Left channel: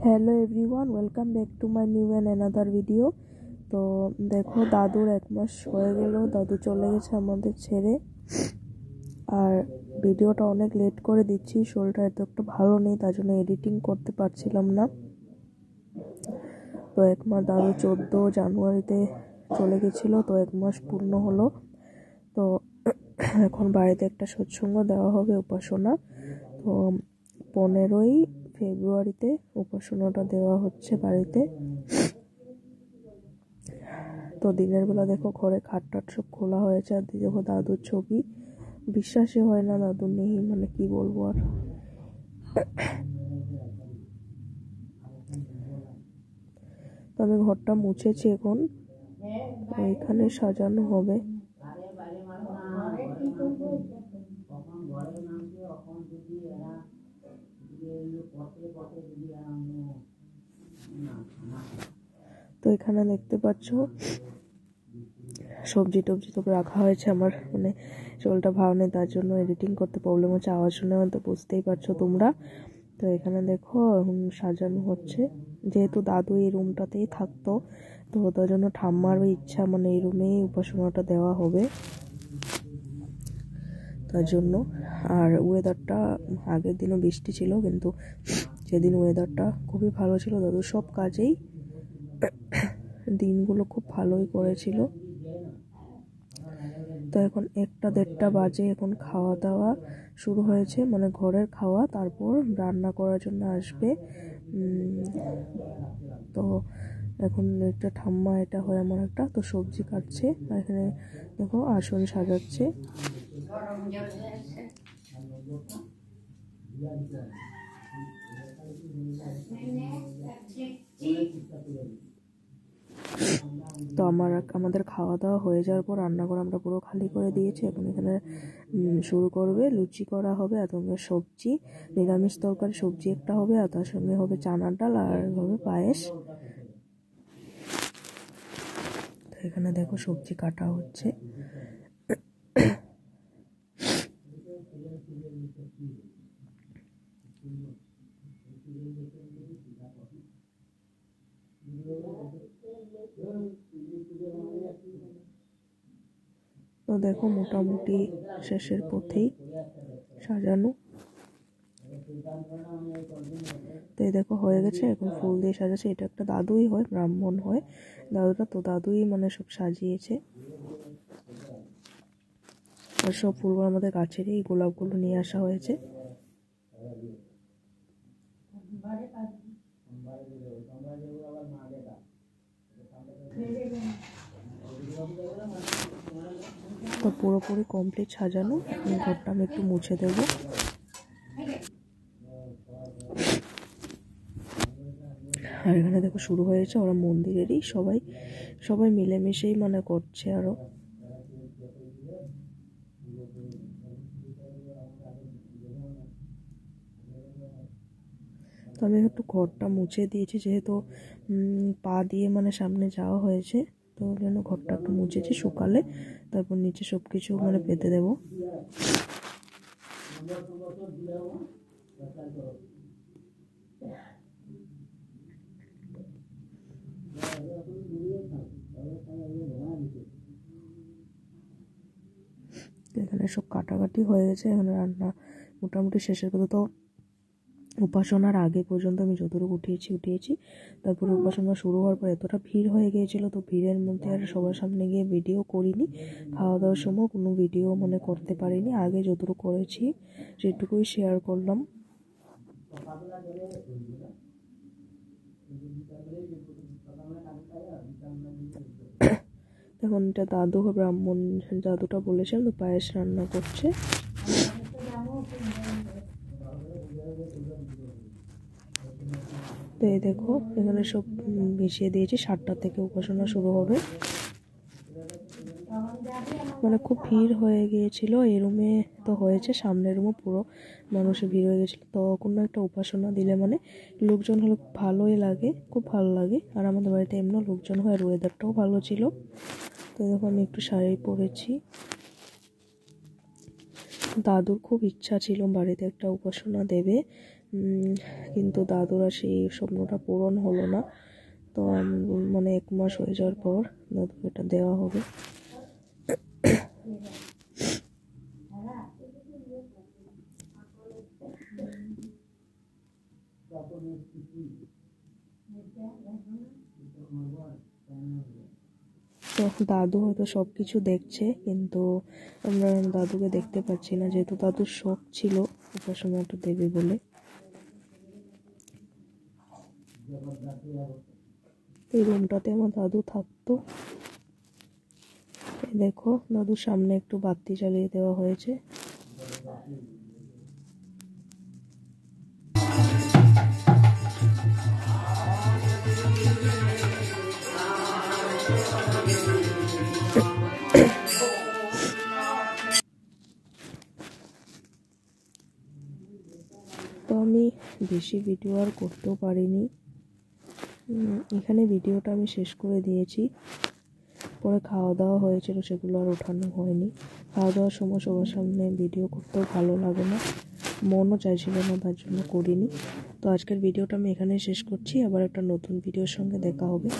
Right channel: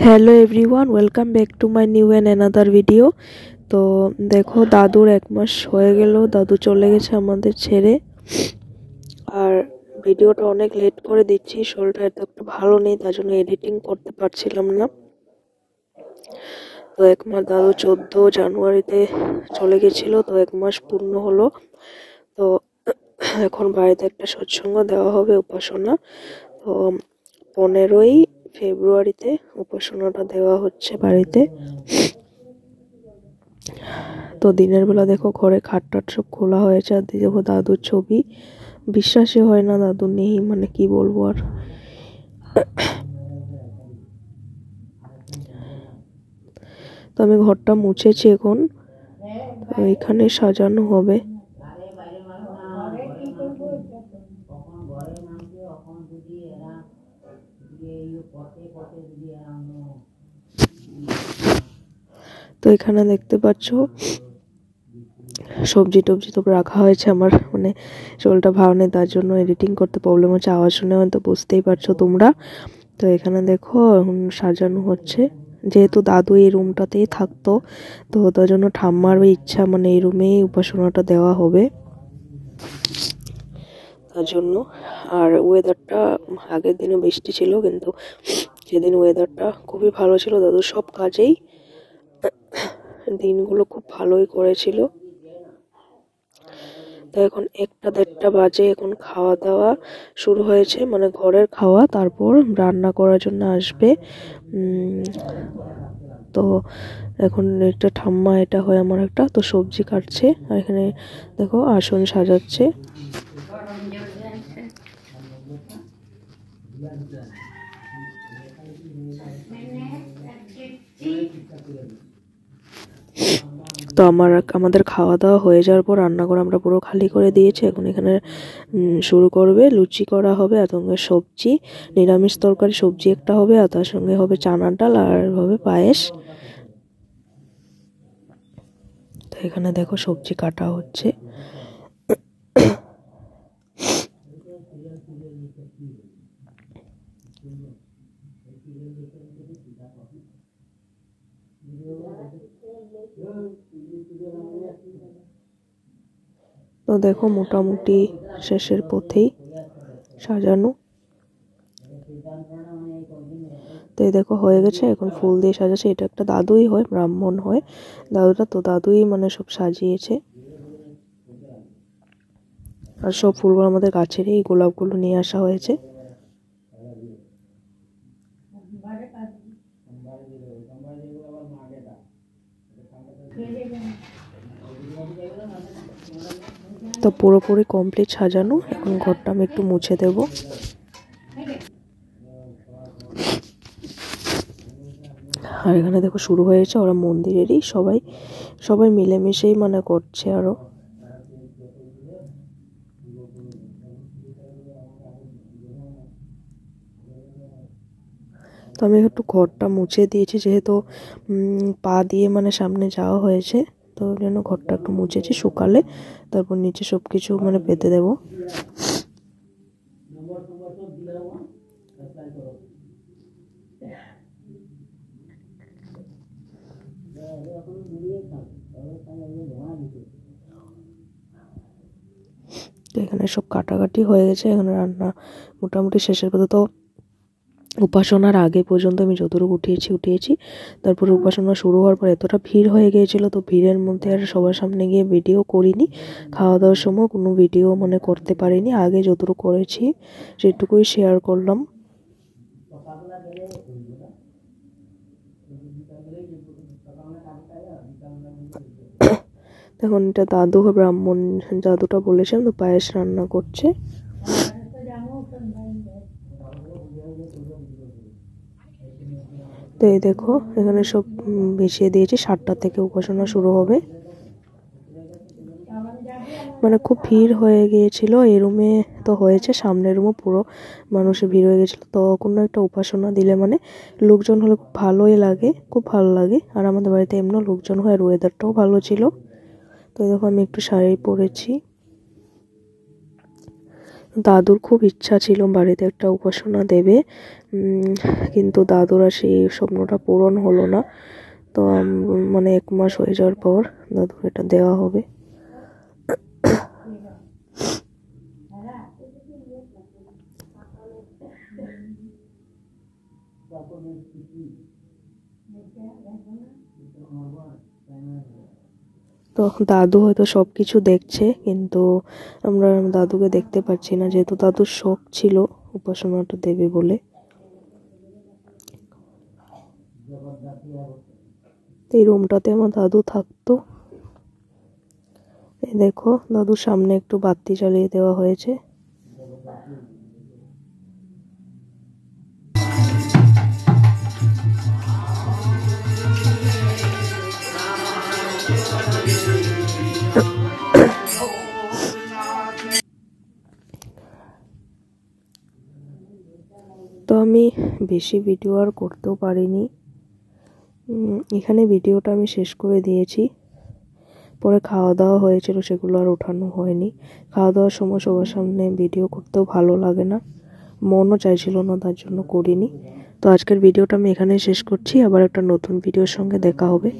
Hello everyone, welcome back to my new and another video. তো দেখো, দাদুর এক মাস হয়ে গেল, দাদু চলে গেছে আমাদের ছেড়ে। আর ভিডিওটা অনেক লেট করে দিচ্ছি, শরীরটা এত একটা ভালো নেই, তার জন্য এডিটিং করতে পারছিলাম না। তো এক মাস, দাদু 14 জানুয়ারিতে চলে গেছিলো, তো এক মাস পূর্ণ হলো। তো এখন বাড়িতে একটা সৎসঙ্গ দেওয়া হবে, উপাসনা। তো 15ই ফেব্রুয়ারিতে উপাসনাটা দেওয়া হচ্ছে বাড়িতে। তো দিনের বেলা দেখো ঘরে খাট টাট সব খোলা হয়েছে, আর দেখো দাদুর ছবি, বিশ্বাসই হয় না দাদু নেই, মানে কি বলবো আর। তো আমি ঘরটা মুছেছি এখন, তো এখানে সাজানো হবে। তো এখানে দেখতে পাচ্ছ সবজি টবজি তো রাখা হয়েছে। আমার মানে শরীরটা ভালো নেই, তার জন্য এডিটিং করতে প্রবলেম হচ্ছে, আওয়াজ শুনে হয়তো বুঝতেই পারছো তোমরা। তো এখানে দেখো এখন সাজানো হচ্ছে, যেহেতু দাদু এই রুমটাতেই থাকতো, তো তার জন্য ঠাম্মারও ইচ্ছা মানে এই রুমেই উপাসনাটা দেওয়া হবে, তার জন্য। আর ওয়েদারটা আগের দিনও বৃষ্টি ছিল, কিন্তু সেদিন ওয়েদারটা খুবই ভালো ছিল, দাদু সব কাজেই দিনগুলো খুব ভালোই করেছিল। তো এখন 1টা-1:30 বাজে, এখন খাওয়া দাওয়া শুরু হয়েছে, মানে ঘরের খাওয়া, তারপর রান্না করার জন্য আসবে। তো এখন একটা ঠাম্মা, এটা হয় আমার একটা, তো সবজি কাটছে, আর এখানে দেখো আসন সাজাচ্ছে। তো আমাদের খাওয়া দাওয়া হয়ে যাওয়ার পর রান্নাঘর আমরা পুরো খালি করে দিয়েছি। এখন এখানে শুরু করবে, লুচি করা হবে, আর সঙ্গে সবজি, নিরামিষ তরকারি, সবজি একটা হবে, আর তার সঙ্গে হবে চানার ডাল, আর হবে পায়েস। তো এখানে দেখো সবজি কাটা হচ্ছে। তো দেখো মোটামুটি শেষের পথেই সাজানো। তো এই দেখো হয়ে গেছে, এখন ফুল দিয়ে সাজাচ্ছে। এটা একটা দাদুই হয়, ব্রাহ্মণ হয় দাদুটা, তো দাদুই মানে সব সাজিয়েছে। আর সব ফুলগুলো আমাদের গাছের, এই গোলাপগুলো নিয়ে আসা হয়েছে। তো পুরোপুরি কমপ্লিট সাজানো, এখন ঘরটা আমি একটু মুছে দেব। আর এখানে দেখো শুরু হয়েছে, ওরা মন্দিরেরই সবাই মিলেমিশেই মানে করছে আরো। তো আমি একটু ঘরটা মুছে দিয়েছি, যেহেতু পা দিয়ে মানে সামনে যাওয়া হয়েছে, তো ওই জন্য ঘরটা একটু মুছেছি, শুকালে তারপর নিচে সব কিছু মানে পেতে দেবো। তো এখানে সব কাটাকাটি হয়ে গেছে, এখানে রান্না মোটামুটি শেষের কথা। তো উপাসনার আগে পর্যন্ত আমি যতটুকু উঠিয়েছি, তারপরে উপাসনা শুরু হওয়ার পর এতটা ভিড় হয়ে গিয়েছিল, তো ভিড়ের মধ্যে আর সবার সামনে গিয়ে ভিডিও করিনি। খাওয়া দাওয়ার সময় কোনো ভিডিও মানে করতে পারিনি, আগে যতটুকু করেছি সেটুকুই শেয়ার করলাম। এখন এটা দাদু ব্রাহ্মণ, দাদুটা বলেছেন, তো পায়েস রান্না করছে। তো এই দেখো এখানে সব মিশিয়ে দিয়েছি, 7টা থেকে উপাসনা শুরু হবে। মানে খুব ভিড় হয়ে গিয়েছিল এই রুমে, তো হয়েছে সামনের রুমও পুরো মানুষে ভিড় হয়ে গেছিলো। তো কোনো একটা উপাসনা দিলে মানে লোকজন হলে খুব ভালোই লাগে, খুব ভালো লাগে। আর আমাদের বাড়িতে এমনিও লোকজন হয়, আর ওয়েদারটাও ভালো ছিল। তো দেখো আমি একটু শাড়ি পরেছি। দাদুর খুব ইচ্ছা ছিল বাড়িতে একটা উপাসনা দেবে, কিন্তু দাদুর আর সেই স্বপ্নটা পূরণ হলো না। তো মানে 1 মাস হয়ে যাওয়ার পর দাদুর এটা দেওয়া হবে। তো দাদু হয়তো সব কিছু দেখছে, কিন্তু আমরা দাদুকে দেখতে পাচ্ছি না, যেহেতু দাদুর শখ ছিল উপাসনাটা দেবে বলে। এই রুমটাতে আমার দাদু থাকতো। এই দেখো দাদুর সামনে একটু বাতি জ্বালিয়ে দেওয়া হয়েছে। তো আমি বেশি ভিডিও আর করতেও পারিনি, এখানে ভিডিওটা আমি শেষ করে দিয়েছি। পরে খাওয়া দাওয়া হয়েছিল, সেগুলো আর ওঠানো হয়নি। খাওয়া দাওয়ার সময় সবার সামনে ভিডিও করতেও ভালো লাগে না, মনও চাইছিল না, তার জন্য করিনি। তো আজকের ভিডিওটা আমি এখানেই শেষ করছি। আবার একটা নতুন ভিডিওর সঙ্গে দেখা হবে।